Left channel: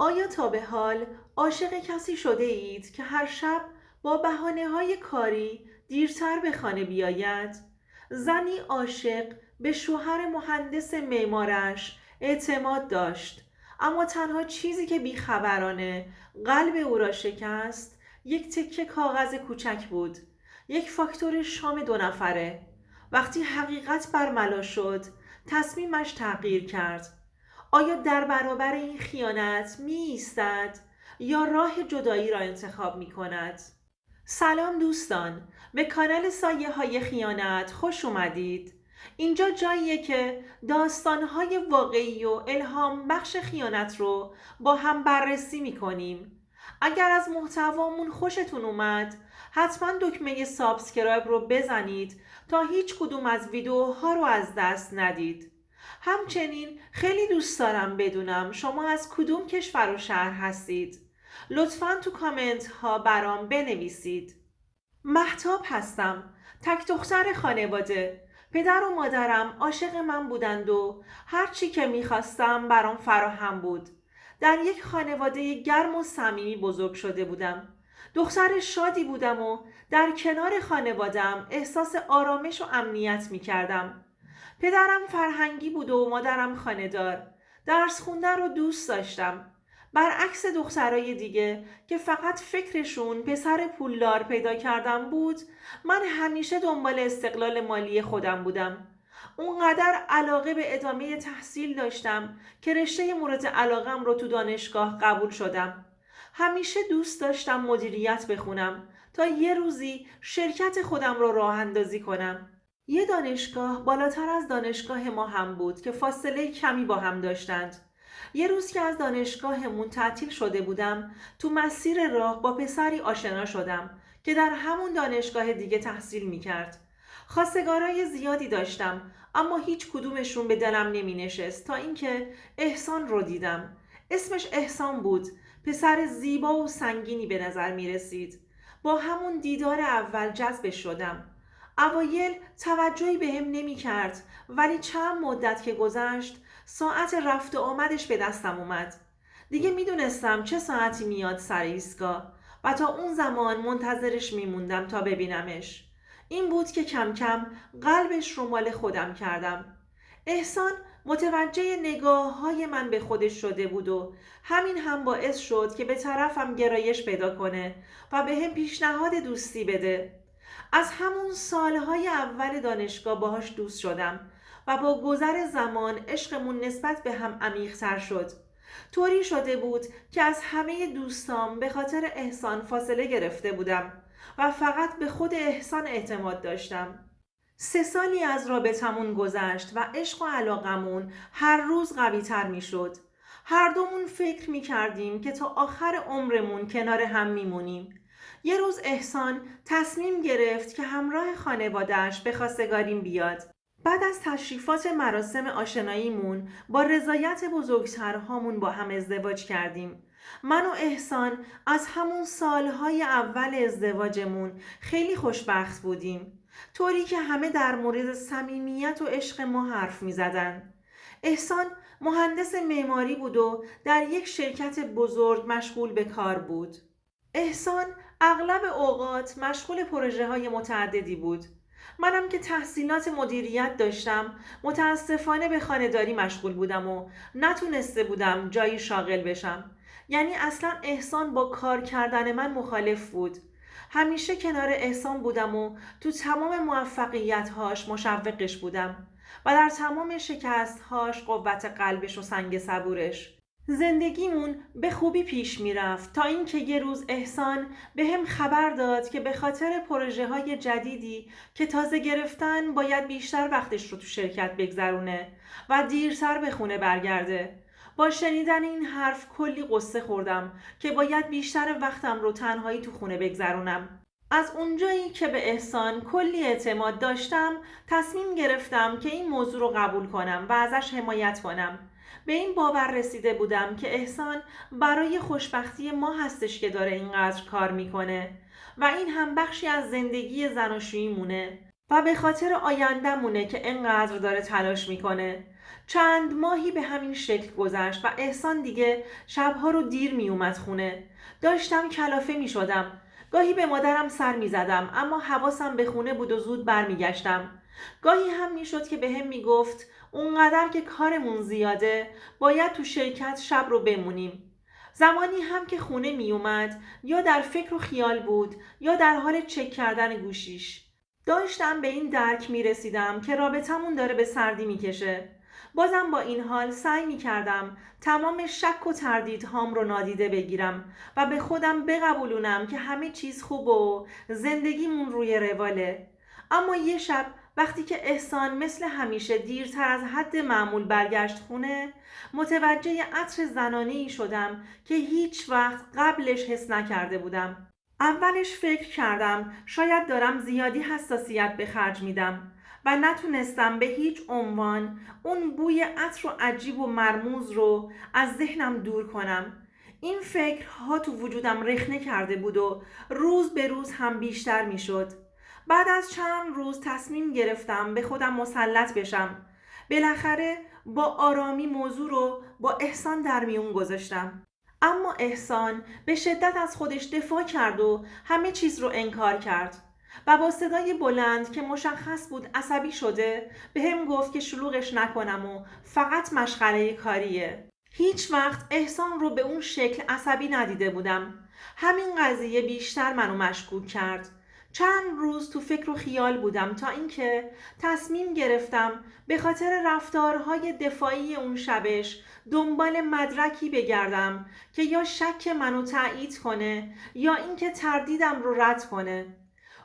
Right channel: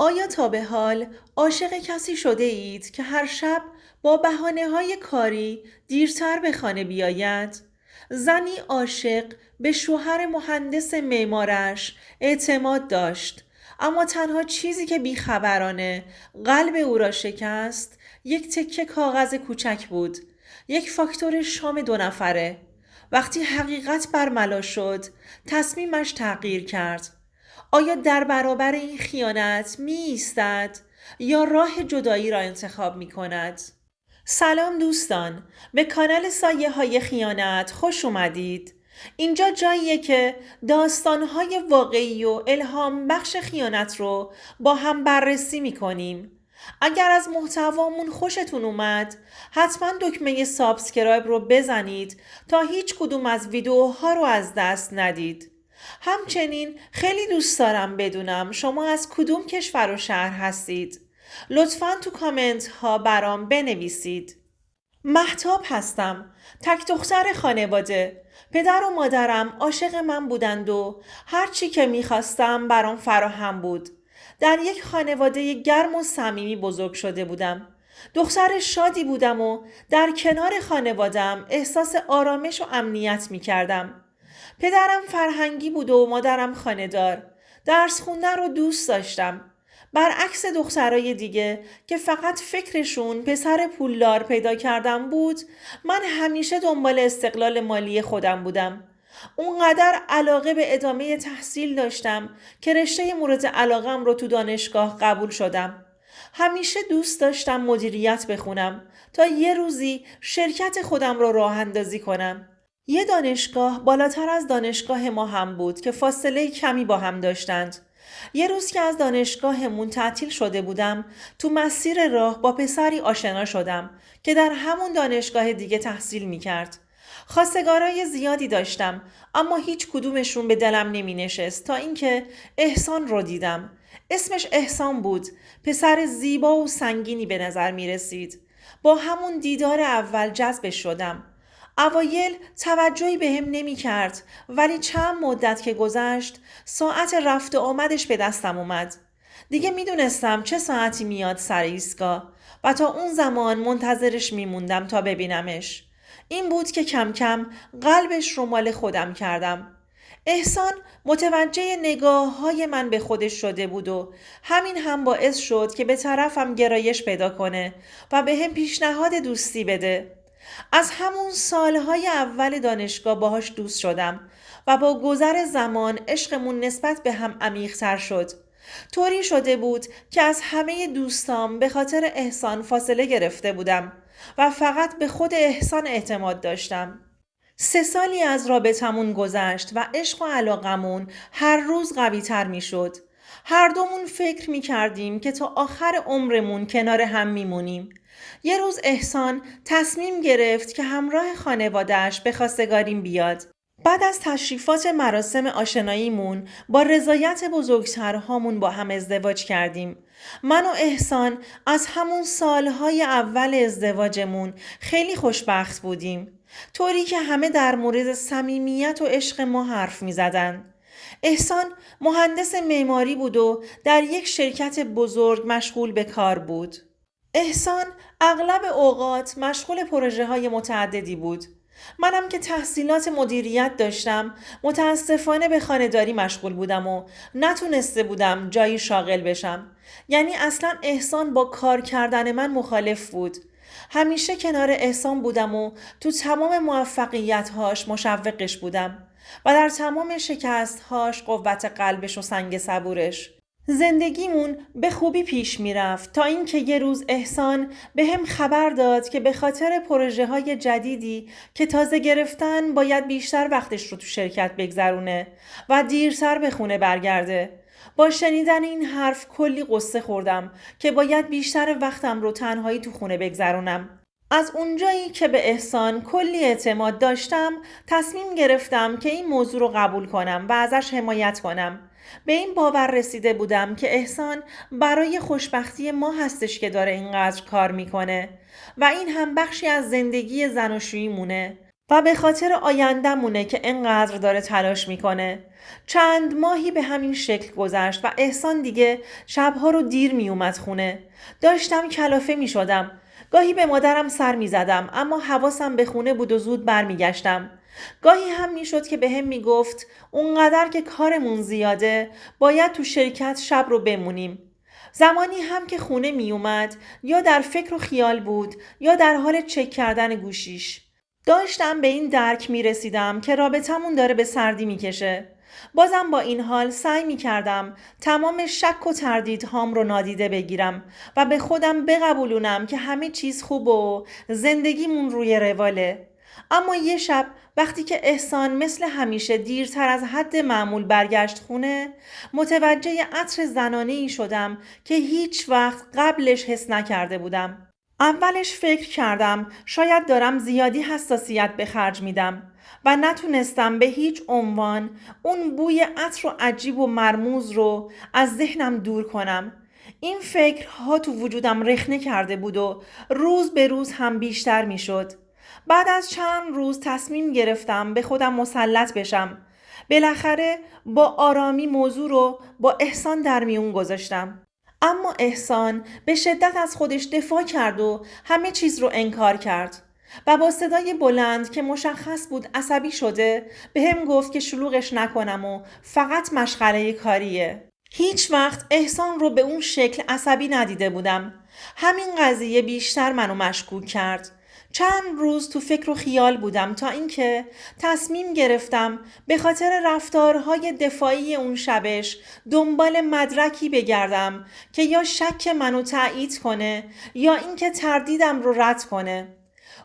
آیا تا به حال عاشق کسی شده اید که هر شب با بهانه‌های کاری دیرتر به خانه بیاید؟ زنی عاشق به شوهر مهندس معمارش اعتماد داشت، اما تنها چیزی که بیخبرانه قلب او را شکست یک تکه کاغذ کوچک بود، یک فاکتور شام 2 نفره. وقتی حقیقت برملا شد، تصمیمش تغییر کرد. آیا در برابر این خیانت می ایستد یا راه جدایی را انتخاب می کند؟ سلام دوستان، به کانال سایه های خیانت خوش اومدید. اینجا جاییه که داستانهای واقعی و الهام بخش خیانت رو با هم بررسی می کنیم. اگر از محتوامون خوشتون اومد، حتما دکمه سابسکرایب رو بزنید تا هیچ کدوم از ویدیوها رو از دست ندید. همچنین خیلی دوست دارم بدونم شما از کدوم کشور و شهر هستید. لطفاً تو کامنت ها برام بنویسید. مهتاب هستم، تک دختر خانواده. پدر و مادرم عاشق من بودند و هر چی که میخواستم برام فراهم بود. در یک خانواده گرم و صمیمی بزرگ شده بودم. دختر شادی بودم و در کنار خانوادم احساس آرامش و امنیت میکردم. پدرم فرهنگی بود و مادرم خانه‌دار. درس خوندن رو دوست داشتم. برعکس دخترای دیگه که فقط فکرشون پسر پولدار پیدا کردن بود، من همیشه دنبال استقلال مالی خودم بودم. اونقدر علاقه به ادامه تحصیل داشتم که رشته مورد علاقم رو تو دانشگاه قبول شدم. همیشه دوست داشتم مدیریت بخونم تا یه روزی شرکت خودم رو راه اندازی کنم. یه دانشگاه بالاتر از دانشگاه ما هم بود که فاصله کمی با هم داشتند. یه روز که از دانشگاهمون تعطیل شده بودم، تو مسیر راه با پسری آشنا شدم که در همون دانشگاه دیگه تحصیل میکرد. خواستگارای زیادی داشتم، اما هیچ کدومشون به دلم نمی نشست تا اینکه احسان رو دیدم. اسمش احسان بود، پسر زیبا و سنگینی به نظر می رسید. با همون دیدار اول جذبش شدم. اوایل توجهی به هم نمی کرد، ولی چند مدت که گذشت ساعت رفت و آمدش به دستم اومد. دیگه می دونستم چه ساعتی میاد سر ایستگاه و تا اون زمان منتظرش می موندم تا ببینمش. این بود که کم کم قلبش رو مال خودم کردم. احسان متوجه نگاه های من به خودش شده بود و همین هم باعث شد که به طرفم گرایش پیدا کنه و به هم پیشنهاد دوستی بده. از همون سالهای اول دانشگاه باهاش دوست شدم و با گذر زمان عشقمون نسبت به هم عمیق‌تر شد. طوری شده بود که از همه دوستام به خاطر احسان فاصله گرفته بودم و فقط به خود احسان اعتماد داشتم. 3 سالی از رابطمون گذشت و عشق و علاقمون هر روز قوی تر می شد. هر دومون فکر می کردیم که تا آخر عمرمون کنار هم می مونیم. یه روز احسان تصمیم گرفت که همراه خانواده‌اش به خواستگاریم بیاد. بعد از تشریفات مراسم آشناییمون با رضایت بزرگترهامون با هم ازدواج کردیم. من و احسان از همون سالهای اول ازدواجمون خیلی خوشبخت بودیم. طوری که همه در مورد صمیمیت و عشق ما حرف می زدن. احسان مهندس معماری بود و در یک شرکت بزرگ مشغول به کار بود. احسان اغلب اوقات مشغول پروژه های متعددی بود. منم که تحصیلات مدیریت داشتم متاسفانه به خانه‌داری مشغول بودم و نتونسته بودم جایی شاغل بشم. یعنی اصلا احسان با کار کردن من مخالف بود. همیشه کنار احسان بودم و تو تمام موفقیت‌هاش مشوقش بودم و در تمام شکست‌هاش قوت قلبش و سنگ صبورش. زندگیمون به خوبی پیش میرفت تا اینکه یه روز احسان به هم خبر داد که به خاطر پروژه های جدیدی که تازه گرفتن باید بیشتر وقتش رو تو شرکت بگذرونه و دیرتر به خونه برگرده. با شنیدن این حرف کلی قصه خوردم که باید بیشتر وقتم رو تنهایی تو خونه بگذرونم. از اونجایی که به احسان کلی اعتماد داشتم، تصمیم گرفتم که این موضوع رو قبول کنم و ازش حمایت کنم. به این باور رسیده بودم که احسان برای خوشبختی ما هستش که داره اینقدر کار میکنه و این هم بخشی از زندگی زناشویی مونه. و به خاطر آینده‌مونه که انقدر داره تلاش میکنه. چند ماهی به همین شکل گذشت و احسان دیگه شبها رو دیر میومد خونه. داشتم کلافه میشدم. گاهی به مادرم سر میزدم اما حواسم به خونه بود و زود برمیگشتم. گاهی هم میشد که بهم میگفت اونقدر که کارمون زیاده باید تو شرکت شب رو بمونیم. زمانی هم که خونه میومد یا در فکر و خیال بود یا در حال چک کردن گوشیش. داشتم به این درک می رسیدم که رابطمون داره به سردی می کشه. بازم با این حال سعی می کردم تمام شک و تردیدهام رو نادیده بگیرم و به خودم بقبولونم که همه چیز خوب و زندگیمون روی رواله. اما یه شب وقتی که احسان مثل همیشه دیرتر از حد معمول برگشت خونه، متوجه عطر زنانه‌ای شدم که هیچ وقت قبلش حس نکرده بودم. اولش فکر کردم شاید دارم زیادی حساسیت به خرج میدم و نتونستم به هیچ عنوان اون بوی عطر و عجیب و مرموز رو از ذهنم دور کنم. این فکرها تو وجودم رخنه کرده بود و روز به روز هم بیشتر میشد. بعد از چند روز تصمیم گرفتم به خودم مسلط بشم. بالاخره با آرامی موضوع رو با احسان در میون گذاشتم. اما احسان به شدت از خودش دفاع کرد و همه چیز رو انکار کرد و با صدای بلند که مشخص بود عصبی شده به هم گفت که شلوغش نکنم و فقط مشغله کاریه. هیچ وقت احسان رو به اون شکل عصبی ندیده بودم. همین قضیه بیشتر منو مشکوک کرد. چند روز تو فکر و خیال بودم تا اینکه تصمیم گرفتم به خاطر رفتارهای دفاعی اون شبش دنبال مدرکی بگردم که یا شک منو تایید کنه یا اینکه تردیدم رو رد کنه.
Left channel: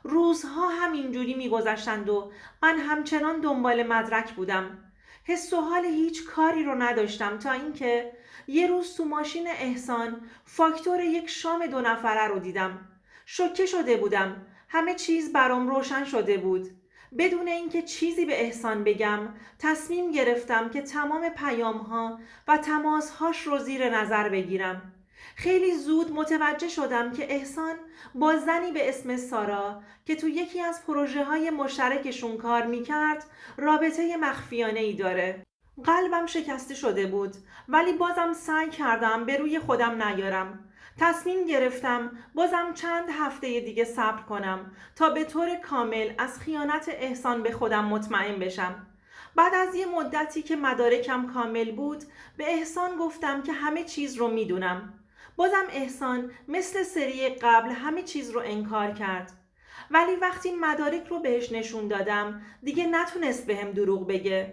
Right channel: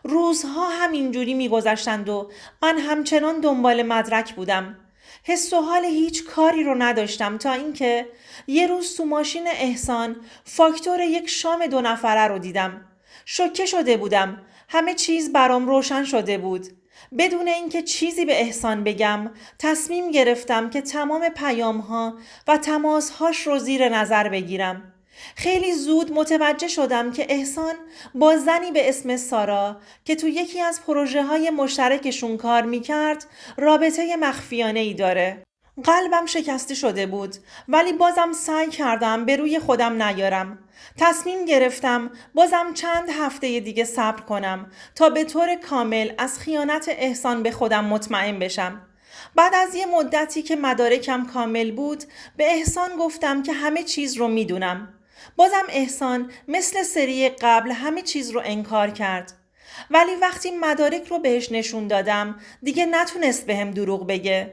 روزها همینجوری میگذشتند و من همچنان دنبال مدرک بودم. حس و حال هیچ کاری رو نداشتم تا اینکه یه روز تو ماشین احسان فاکتور یک شام 2 نفره رو دیدم. شوکه شده بودم. همه چیز برام روشن شده بود. بدون اینکه چیزی به احسان بگم تصمیم گرفتم که تمام پیام‌ها و تماس‌هاش رو زیر نظر بگیرم. خیلی زود متوجه شدم که احسان با زنی به اسم سارا که تو یکی از پروژه‌های مشترکشون کار می‌کرد رابطه مخفیانه‌ای داره. قلبم شکسته شده بود ولی بازم سعی کردم به روی خودم نیارم. تصمیم گرفتم بازم چند هفته دیگه صبر کنم تا به طور کامل از خیانت احسان به خودم مطمئن بشم. بعد از یه مدتی که مدارکم کامل بود به احسان گفتم که همه چیز رو میدونم. بازم احسان مثل سری قبل همه چیز رو انکار کرد. ولی وقتی مدارک رو بهش نشون دادم دیگه نتونست بهم دروغ بگه.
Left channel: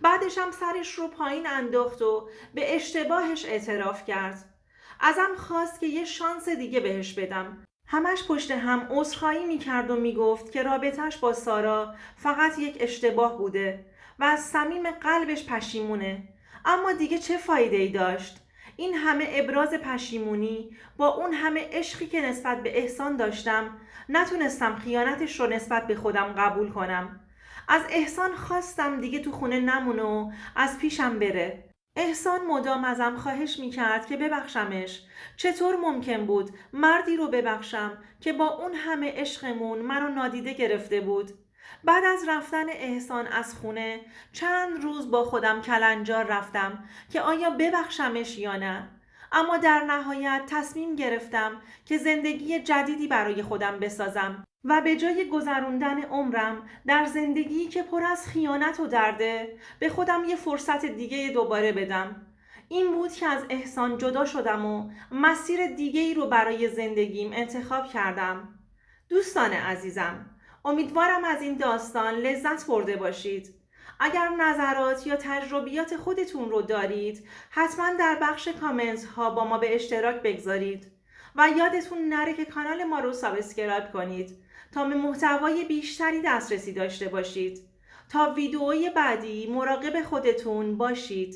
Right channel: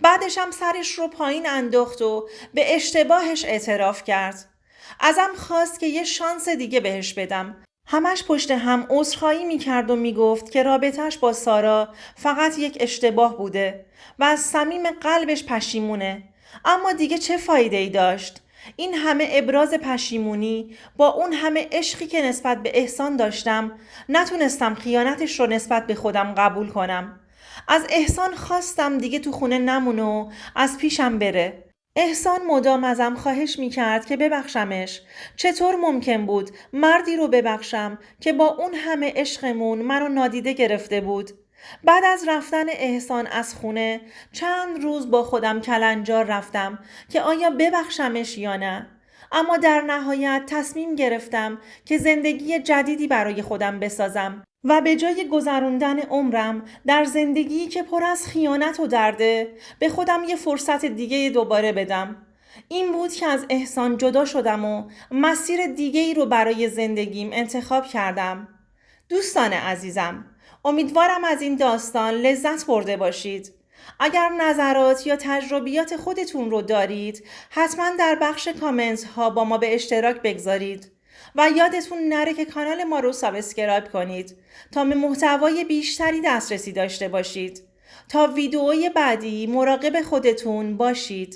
بعدش هم سرش رو پایین انداخت و به اشتباهش اعتراف کرد. ازم خواست که یه شانس دیگه بهش بدم. همش پشت هم عذرخواهی میکرد و میگفت که رابطش با سارا فقط یک اشتباه بوده و از صمیم قلبش پشیمونه. اما دیگه چه فایده ای داشت؟ این همه ابراز پشیمونی با اون همه عشقی که نسبت به احسان داشتم نتونستم خیانتش رو نسبت به خودم قبول کنم. از احسان خواستم دیگه تو خونه نمونه و از پیشم بره. احسان مدام ازم خواهش میکرد که ببخشمش. چطور ممکن بود مردی رو ببخشم که با اون همه عشقمون منو نادیده گرفته بود؟ بعد از رفتن احسان از خونه چند روز با خودم کلنجار رفتم که آیا ببخشمش یا نه. اما در نهایت تصمیم گرفتم که زندگی جدیدی برای خودم بسازم و به جای گذروندن عمرم در زندگی که پر از خیانت و درده به خودم یه فرصت دیگه دوباره بدم. این بود که از احسان جدا شدم و مسیر دیگه‌ای رو برای زندگیم انتخاب کردم. دوستان عزیزم، امیدوارم از این داستان لذت برده باشید. اگر نظرات یا تجربیات خودتون رو دارید حتما در بخش کامنت ها با ما به اشتراک بگذارید و یادتون نره که کانال ما رو سابسکرایب کنید تا به محتوای بیشتری دسترسی داشته باشید. تا ویدئوی بعدی مراقب خودتون باشید.